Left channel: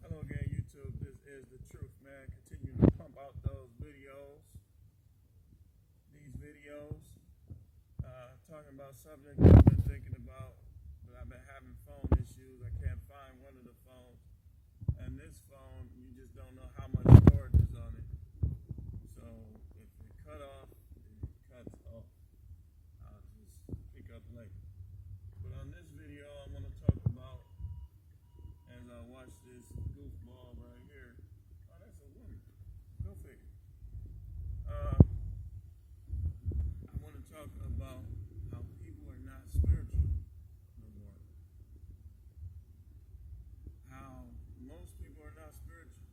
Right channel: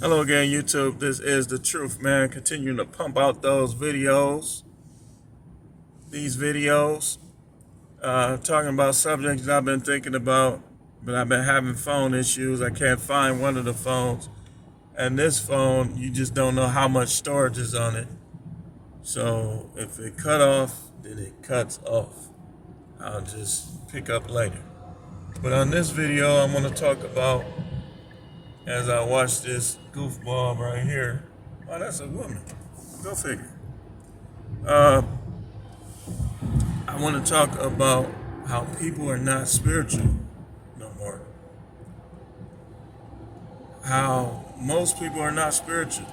Hello again, YouTube. This is the truth, man. Continuing to pump out those videos. These videos, talking about subjects that I've been thinking about, but I've been having phone issues. I can't find one of the phones. And this phone, you just don't know how much storage is on it. So if it cut off, then it cuts off. I'll just pick up later. But on this video, I'm going to talk about, as I watch this goofball right here. Oh, that's a woman. Go figure. Uh, I want to talk about how people are not spiritual no more. How most people are not spiritual.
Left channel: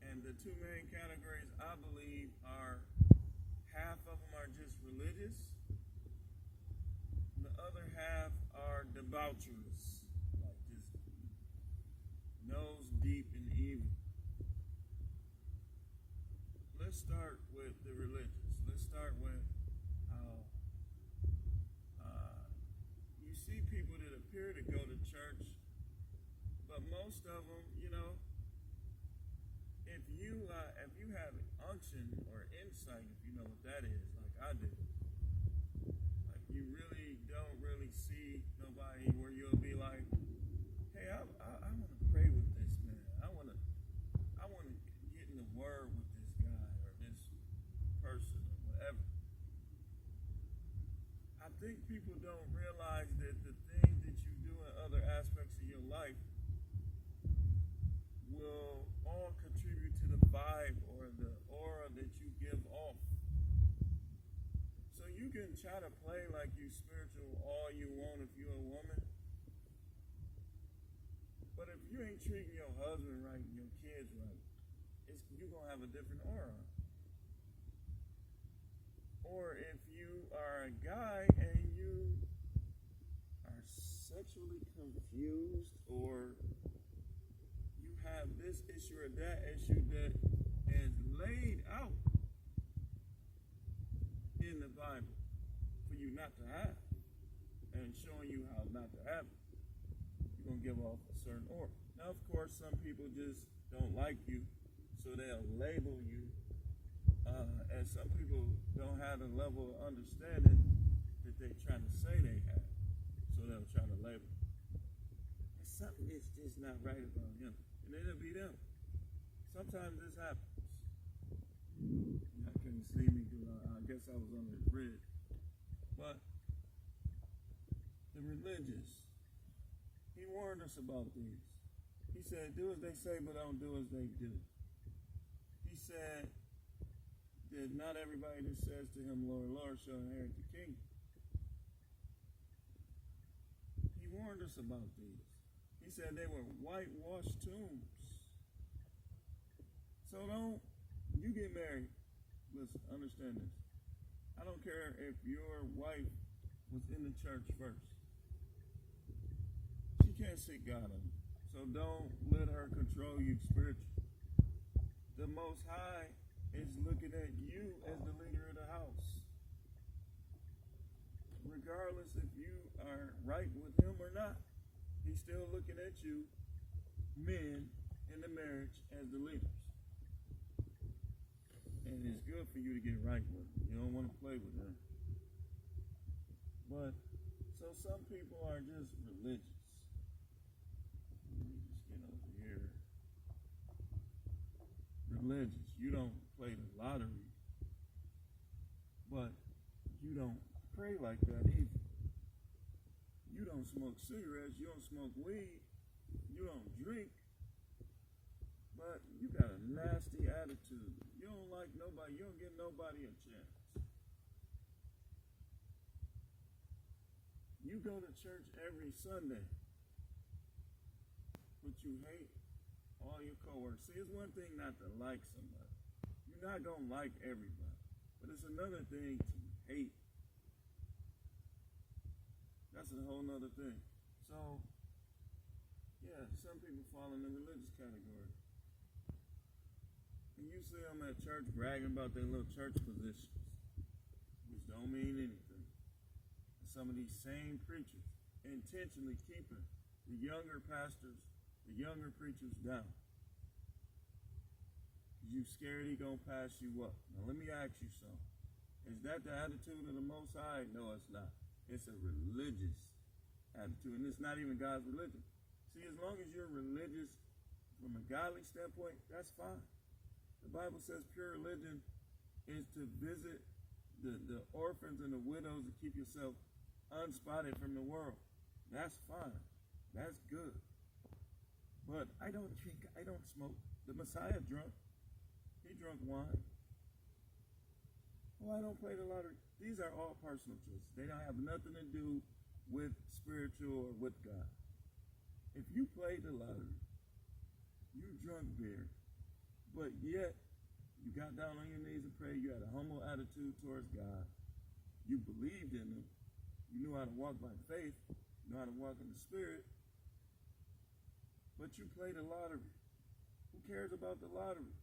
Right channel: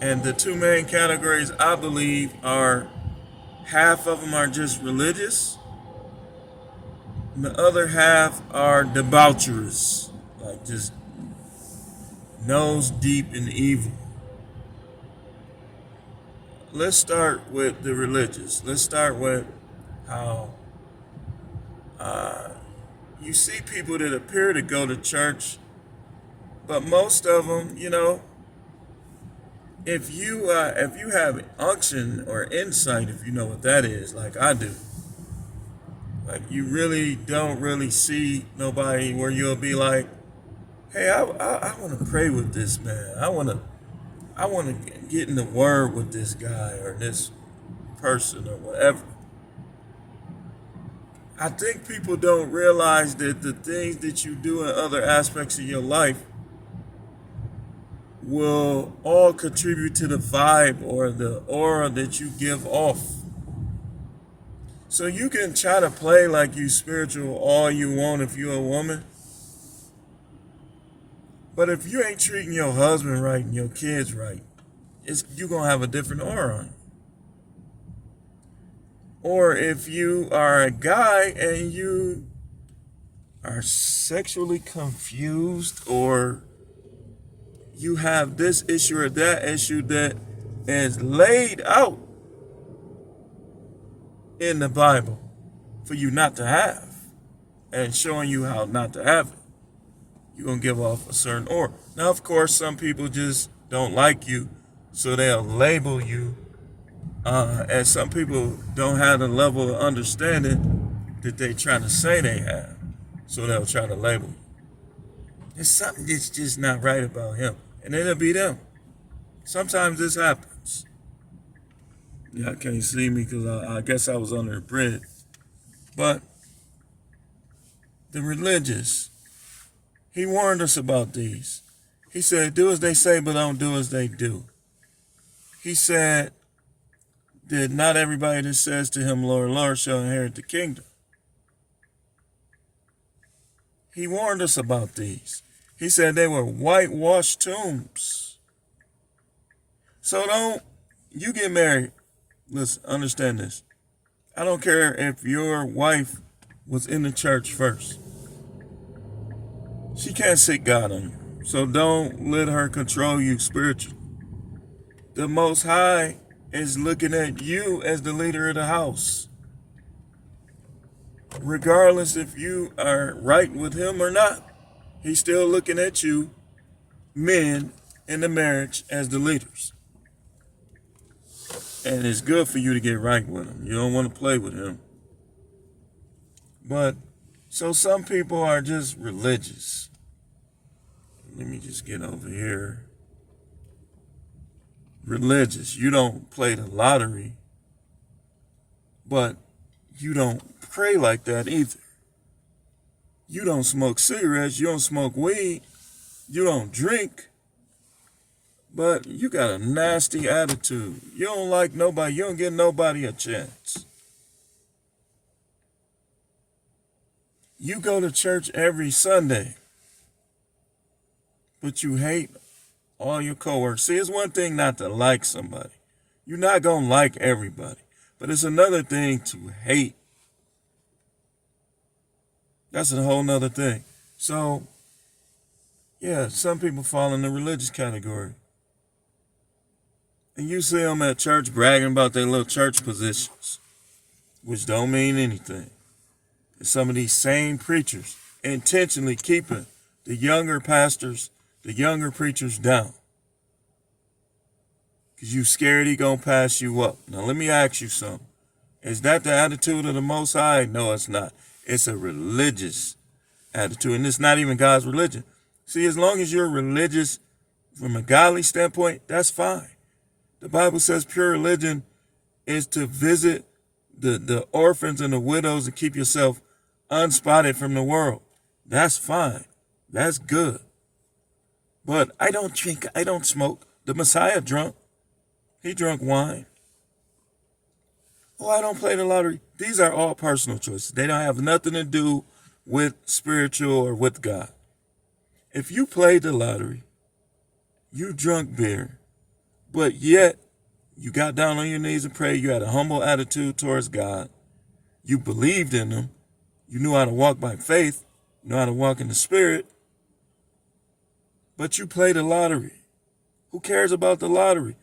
And the two main categories I believe are half of them are just religious, and the other half are debaucherous, like just nose deep in evil. Let's start with the religious. Let's start with how you see people that appear to go to church, but most of them, if you have unction or insight, if you know what that is, like I do, like you really don't really see nobody where you'll be like, hey, I want to pray with this man. I want to get in the word with this guy or this person or whatever. I think people don't realize that the things that you do in other aspects of your life will all contribute to the vibe or the aura that you give off. So you can try to play like you spiritual all you want if you're a woman. But if you ain't treating your husband right and your kids right, you're going to have a different aura on you. Or if you are a guy and you are sexually confused, or you have this issue or that issue that is laid out in the Bible for you not to have and showing you how not to have it, you're going to give off a certain aura. Now, of course, some people just don't like you, so they'll label you. And some people don't have the level of understanding that they trying to say they have, so they'll try to label you. There's something that's just not right about him, and it'll be them. Sometimes this happens. Y'all can't see me because I guess I was under a bridge. But the religious, he warned us about these. He said, do as they say, but don't do as they do. He said that not everybody that says to him, Lord, Lord, shall inherit the kingdom. He warned us about these. He said they were whitewashed tombs. So you get married. Listen, understand this. I don't care if your wife was in the church first. She can't seek God on you. So don't let her control you spiritually. The Most High is looking at you as the leader of the house. Regardless if you are right with him or not, he's still looking at you, men, in the marriage as the leaders. And it's good for you to get right with him. You don't want to play with him. But, so some people are just religious. Let me just get over here. Religious. You don't play the lottery, but you don't pray like that either. You don't smoke cigarettes, you don't smoke weed, you don't drink, but you got a nasty attitude. You don't like nobody, you don't give nobody a chance. You go to church every Sunday, but you hate all your coworkers. See, it's one thing not to like somebody. You're not going to like everybody. But it's another thing to hate. That's a whole nother thing. So, yeah, some people fall in the religious category. And you see them at church bragging about their little church positions, which don't mean anything. And some of these same preachers intentionally keeping the younger pastors the younger preachers down. Because you scared he going to pass you up. Now, let me ask you something. Is that the attitude of the Most High? No, it's not. It's a religious attitude, and it's not even God's religion. See, as long as you're religious from a godly standpoint, that's fine. The Bible says pure religion is to visit the orphans and the widows and keep yourself unspotted from the world. That's fine. That's good. But I don't drink, I don't smoke. The Messiah drunk. He drunk wine. Oh, I don't play the lottery. These are all personal choices. They don't have nothing to do with spiritual or with God. If you played the lottery, you drunk beer, but yet you got down on your knees and prayed, you had a humble attitude towards God, you believed in him, you knew how to walk by faith, you know how to walk in the Spirit, but you played the lottery. Who cares about the lottery?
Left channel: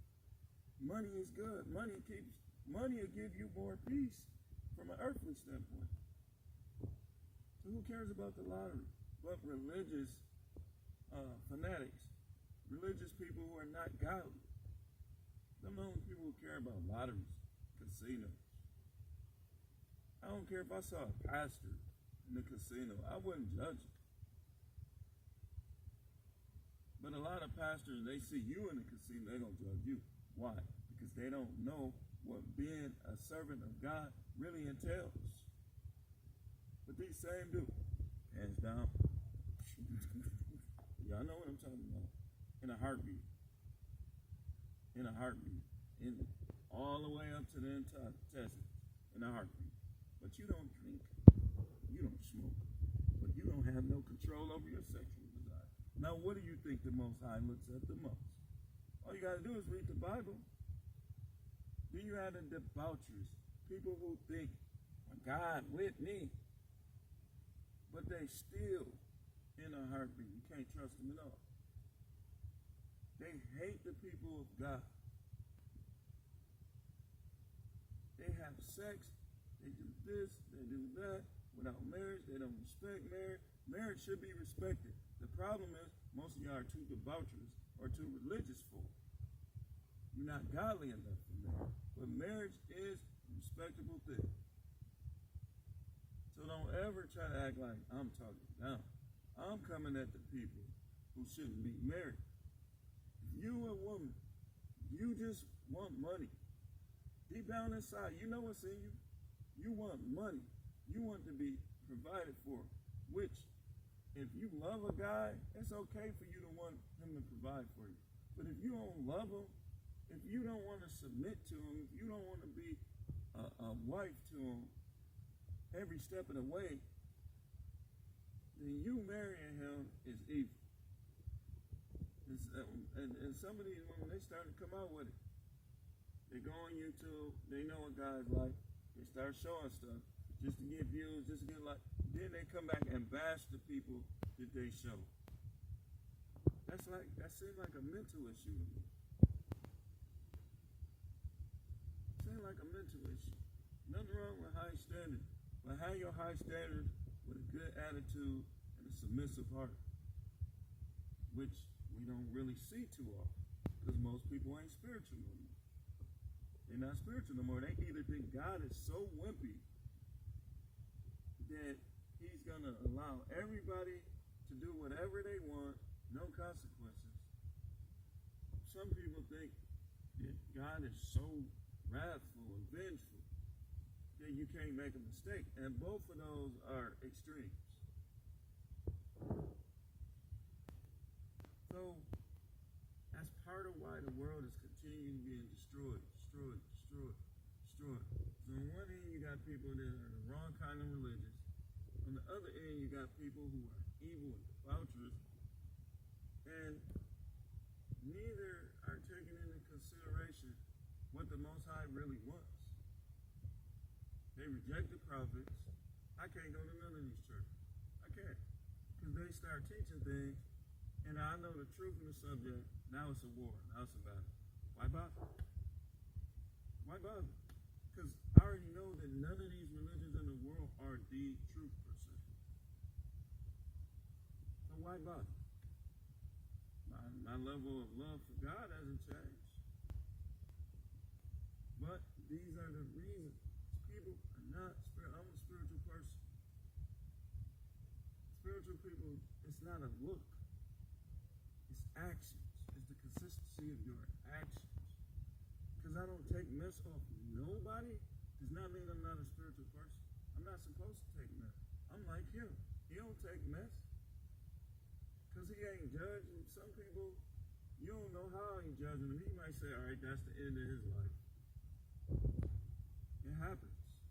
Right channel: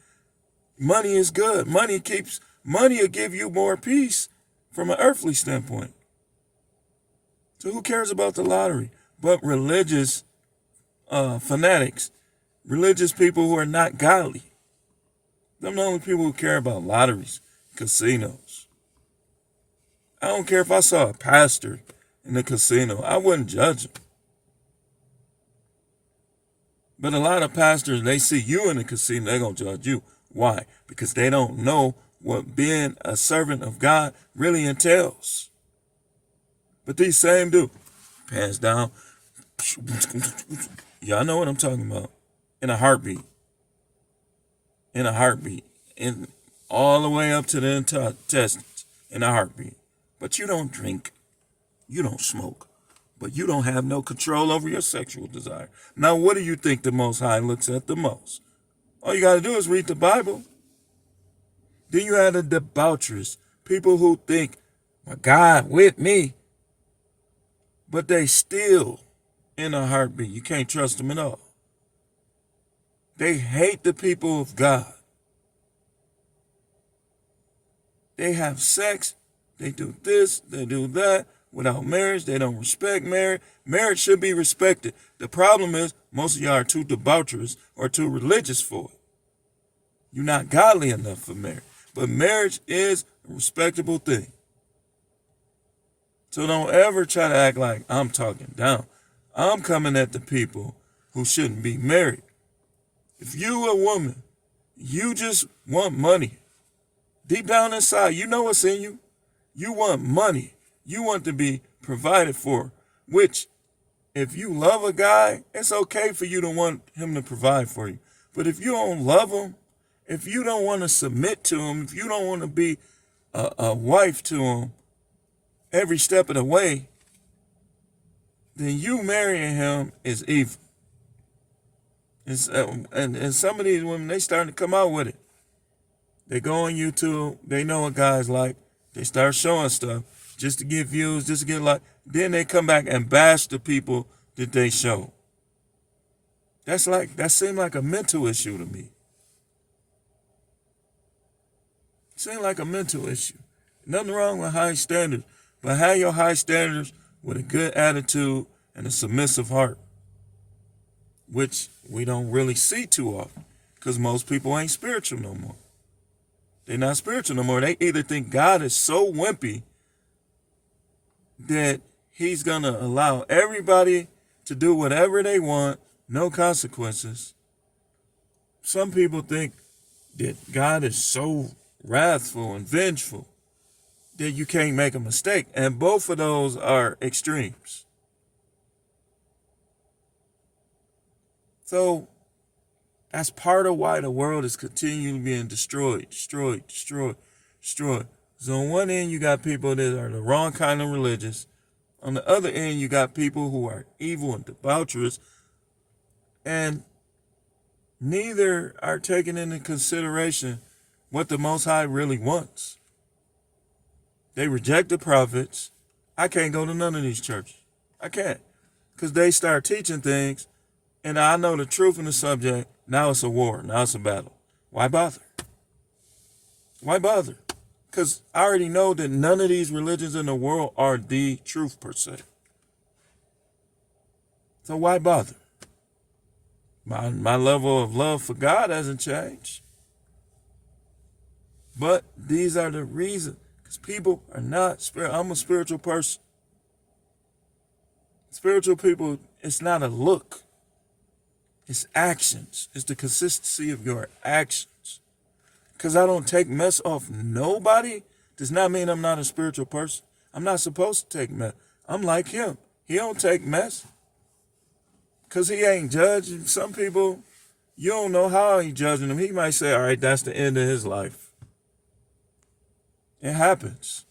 Money is good. Money will give you more peace from an earthly standpoint. So who cares about the lottery? But religious fanatics, religious people who are not godly. Them the only people who care about lotteries, casinos. I don't care if I saw a pastor in the casino. I wouldn't judge him. But a lot of pastors, they see you in the casino, they're going to judge you. Why? Because they don't know what being a servant of God really entails. But these same dudes, pants down, y'all know what I'm talking about. In a heartbeat. In a heartbeat. In all the way up to the intestines. In a heartbeat. But you don't drink. You don't smoke. But you don't have no control over your sexual desire. Now, what do you think the Most High looks at the most? All you got to do is read the Bible. Then you have the debaucherous, people who think, my God with me, but they still in a heartbeat. You can't trust them at all. They hate the people of God. They have sex, they do this, they do that. Without marriage, they don't respect marriage. Marriage should be respected. The problem is most of y'all are too debaucherous or too religious for it. You're not godly enough for marriage. But marriage is a respectable thing. So don't ever try to act like I'm talking down. I'm coming at the people who shouldn't be married. If you a woman, you just want money. Deep down inside, you know what's in you. You want money. You want to be provided for, which if you love a guy, it's okay for you to want him to provide for you. But if you don't love him, if you don't want to submit to him, if you don't want to be a wife to him every step of the way, then you marrying him is evil. And some of these women, they starting to come out with it. They go on YouTube, they know what guys like, they start showing stuff just to get views, just to get like, then they come back and bash the people that they show. That seemed like a mental issue to me. Seemed like a mental issue. Nothing wrong with high standards, but have your high standards with a good attitude and a submissive heart, which we don't really see too often because most people ain't spiritual no more. They're not spiritual no more. They either think God is so wimpy that he's going to allow everybody to do whatever they want, no consequences. Some people think that God is so wrathful and vengeful that you can't make a mistake. And both of those are extremes. So that's part of why the world is continually being destroyed. So on one end, you got people that are the wrong kind of religious. On the other end, you got people who are evil and debaucherous. And neither are taking into consideration what the Most High really wants. They reject the prophets. I can't go to none of these churches. I can't. Because they start teaching things, and I know the truth in the subject. Now it's a war. Now it's a battle. Why bother? Why bother? Because I already know that none of these religions in the world are the truth per se. So why bother? My level of love for God hasn't changed. But these are the reasons. Because people are not spiritual. I'm a spiritual person. Spiritual people, it's not a look. It's actions. It's the consistency of your actions. Because I don't take mess off nobody does not mean I'm not a spiritual person. I'm not supposed to take mess. I'm like him. He don't take mess. Because he ain't judging. Some people, you don't know how he judging them. He might say, all right, that's the end of his life. It happens.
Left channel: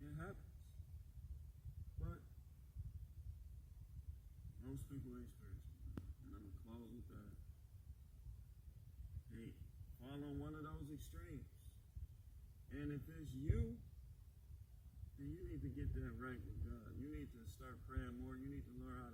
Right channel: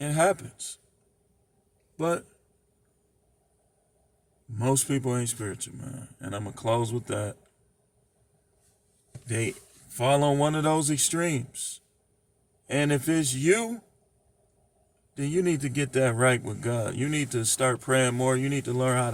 It happens. But most people ain't spiritual, man. And I'm going to close with that. They fall on one of those extremes. And if it's you, then you need to get that right with God. You need to start praying more. You need to learn how to